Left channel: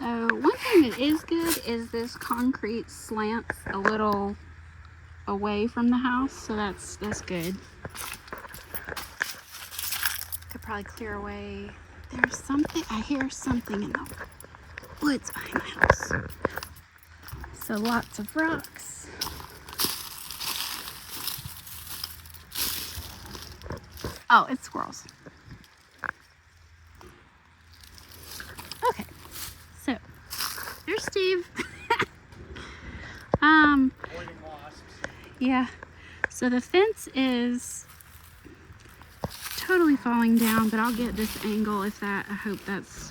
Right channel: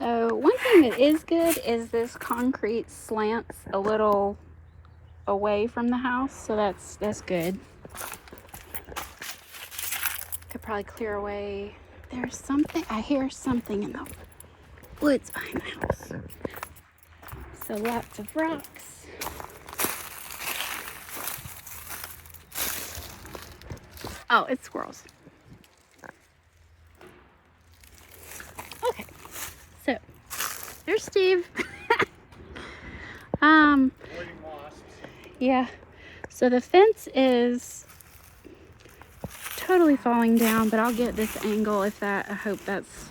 So one thing that is good is this concrete slants a little away from the house, so that's good. Could probably clear away. There's something, I hear something in the woods behind the house. So lots of rocks. Oh, it's squirrels. Okay, so there's Steve. Yeah, so the fence is totally falling down, but I'll get this angle if that, I hope that's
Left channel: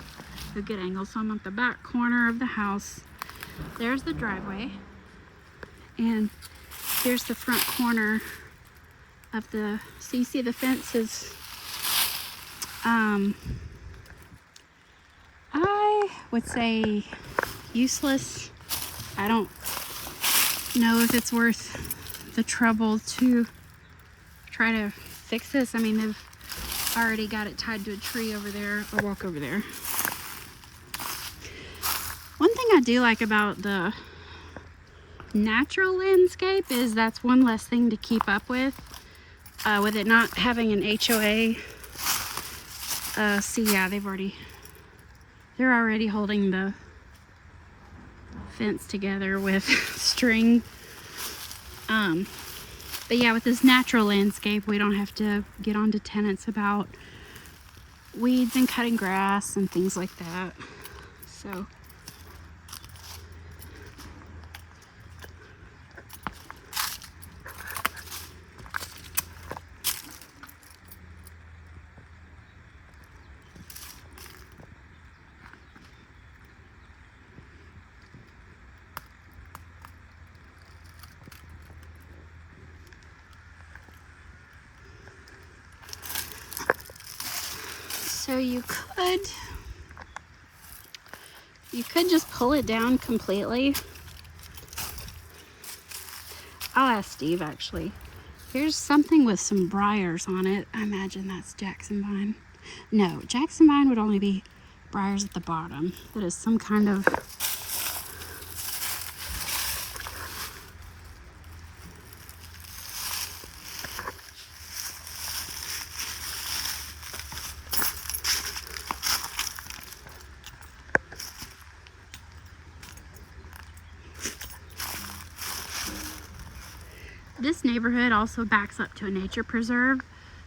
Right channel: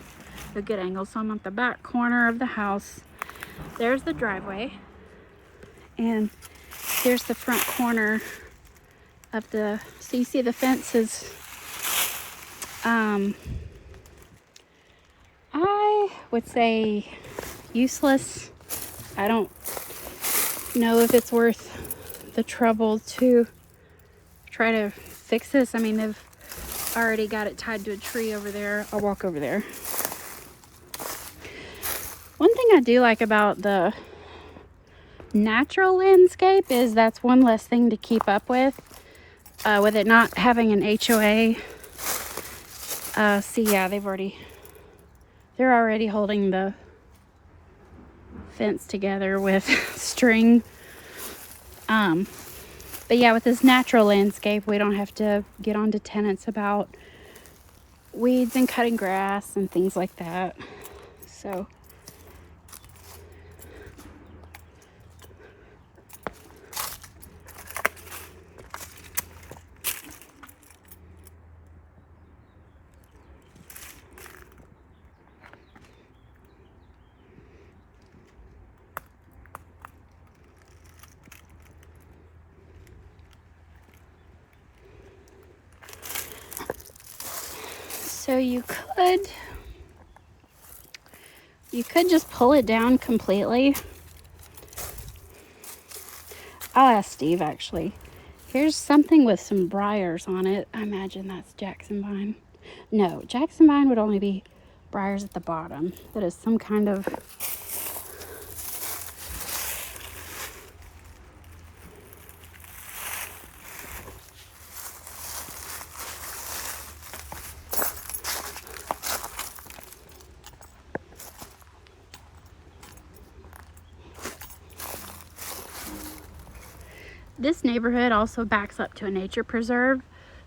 a good angle. So I'm at the back corner of the house. There's the driveway, and here's the front corner of the, so you see the fence is, I would say useless. I don't know if it's worth the trouble to try to fix this. I mean, they've already got it tied to a tree over there. I'll walk over there. One thing I do like about the natural landscape is that's one less thing to keep up with it not having an HOA. See, yeah, they're already holding the fence together with string. But yeah, with this natural landscape, we don't have to get on to tenants about weeds and cutting grass and things like that. So you could just pull it down completely. I'll ask Steve actually. There's something with some briars on it. I imagine that's Jackson vine. No, Jackson vine would only be briars at the bottom. That is some kind of this neighborhood also backs up to a nature preserve,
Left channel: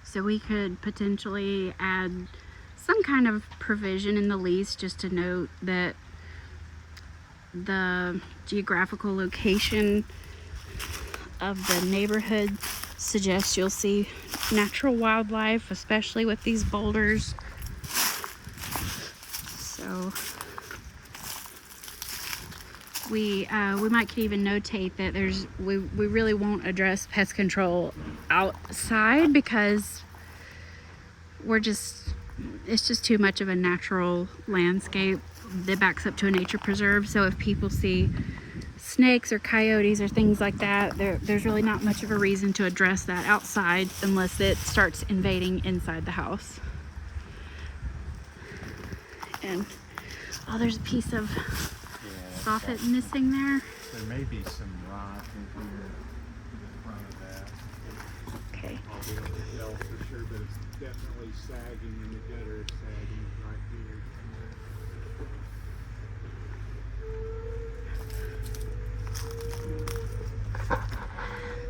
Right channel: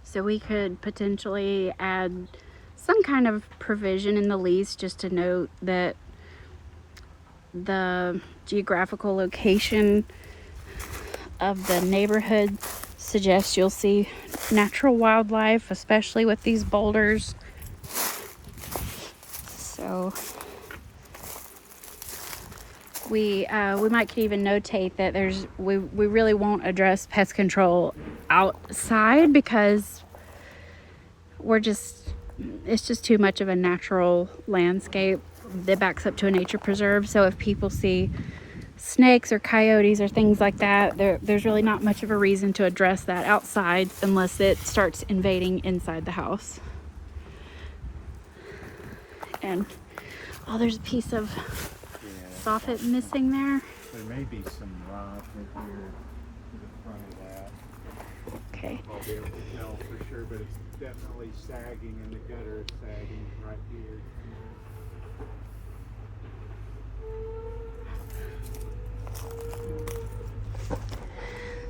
so we could potentially add some kind of provision in the lease just to note that the geographical location of the neighborhood suggests you'll see natural wildlife, especially with these boulders. So we might could even notate that we really won't address pest control outside because it's just too much of a natural landscape that backs up to a nature preserve. So if people see snakes or coyotes or things like that, there's really not much of a reason to address that outside unless it starts invading inside the house. And oh, there's a piece of soffit missing there. There may be some rot right here to the front of that. Okay. I'll be able to tell for sure, but it's definitely sagging in the gutter, sagging right here.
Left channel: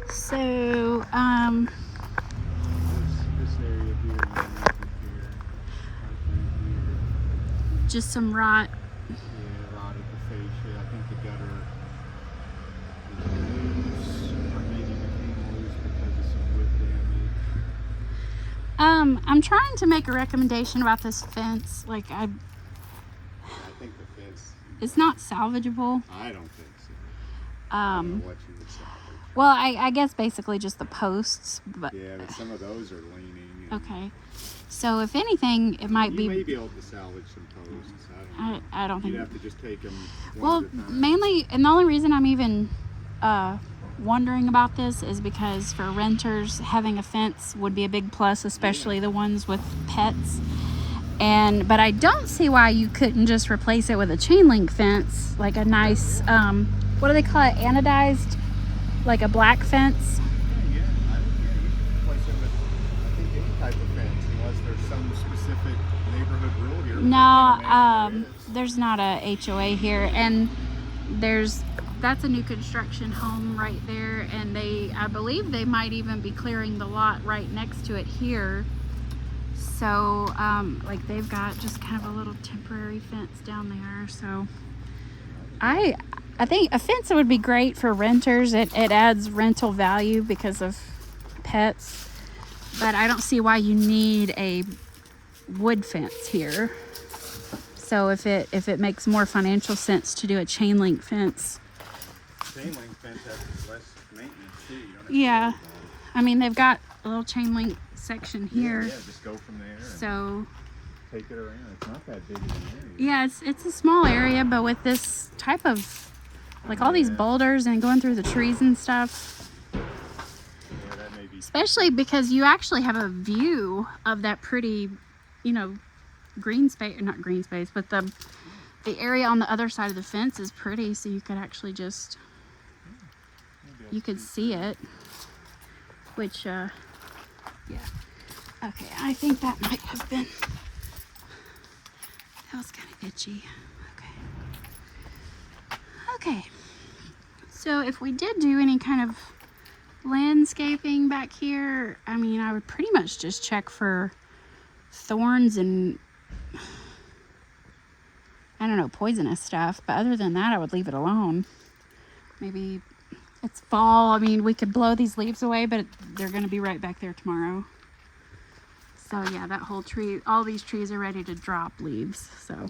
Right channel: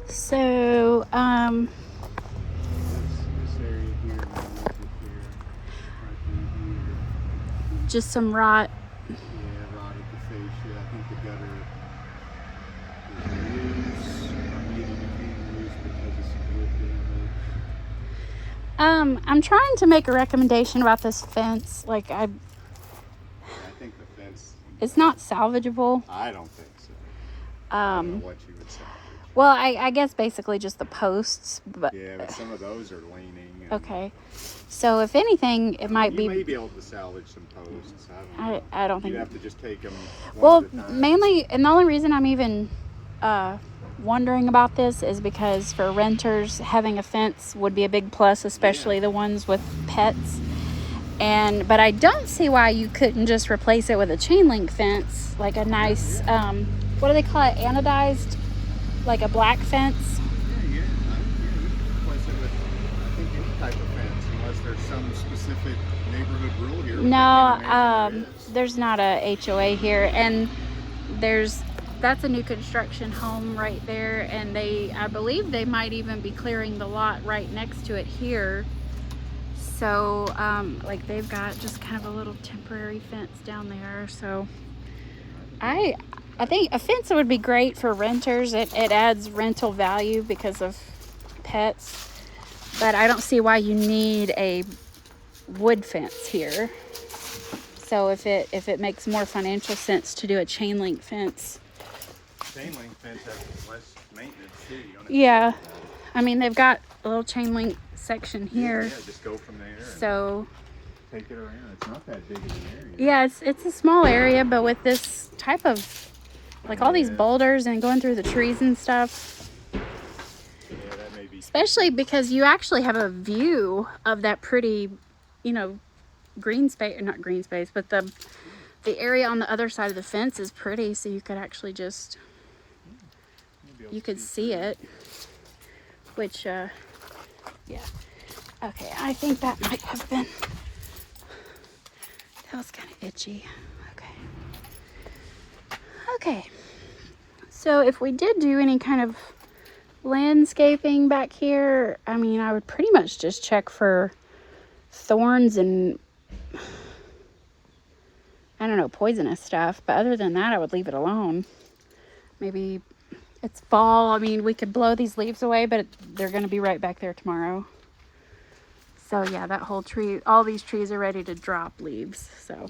So, This area here, right through here. just some rot. Yeah, rotted the fascia. I think the gutter is loose, or maybe became loose because of some wood damage. I'm trying to make a recommendation about this fence. Like I think the fence, it's not salvageable. I don't think so. I don't know what you would say. Well, I guess basically just the posts. But Yeah, but some of those are leaning. okay. So if anything, it might You may be. be able to salvage some posts. I don't know. I don't think. You'd have to just take them. Well, mainly, and the only reason I'm even wondering about this is because for renters, having a fence would be a big plus, especially the ones with pets. But I don't see why you couldn't just replace it with a chain link fence, like a nice, what do they call it, anodized, like a black fence. Yeah, you can replace it with, I think, any type of fence, unless there's some specific neighborhood rule here. which I can't imagine there is. There's not a HOA here, and that's a new construction home right there, and I believe they might even be clearing the lot right next to it here. So, like they've got just kind of a little temporary fence down there. So, I think a fence would be great for renters. It adds rental value because of pets, but I don't see why you need a wood fence here. So if it makes more financial sense to do a chain link fence. Chain link fence has less maintenance too. Yeah, I mean they've got a little chain link section here. Yeah, just go from there. So Take it around. It's not that big of an area. yeah, it's a small area, but with this type of, like all these boulders and going through the trees and stuff, Yeah, that may be. especially because you actually have a view of that pretty, green space, not green space, but the area on the other side of the fence is pretty, so you could actually just, you could see it, which, yeah. Okay, I think that might have been, that was kind of itchy. Okay, so if we did do any kind of landscaping back here, I mean, I would pretty much just check for thorns and, I don't know, poisonous stuff. But other than that, I would leave it alone. Maybe it's fall. I mean, we could blow these leaves away, but they're going to be right back there tomorrow. So yeah, that whole tree, all these trees are ready to drop leaves. So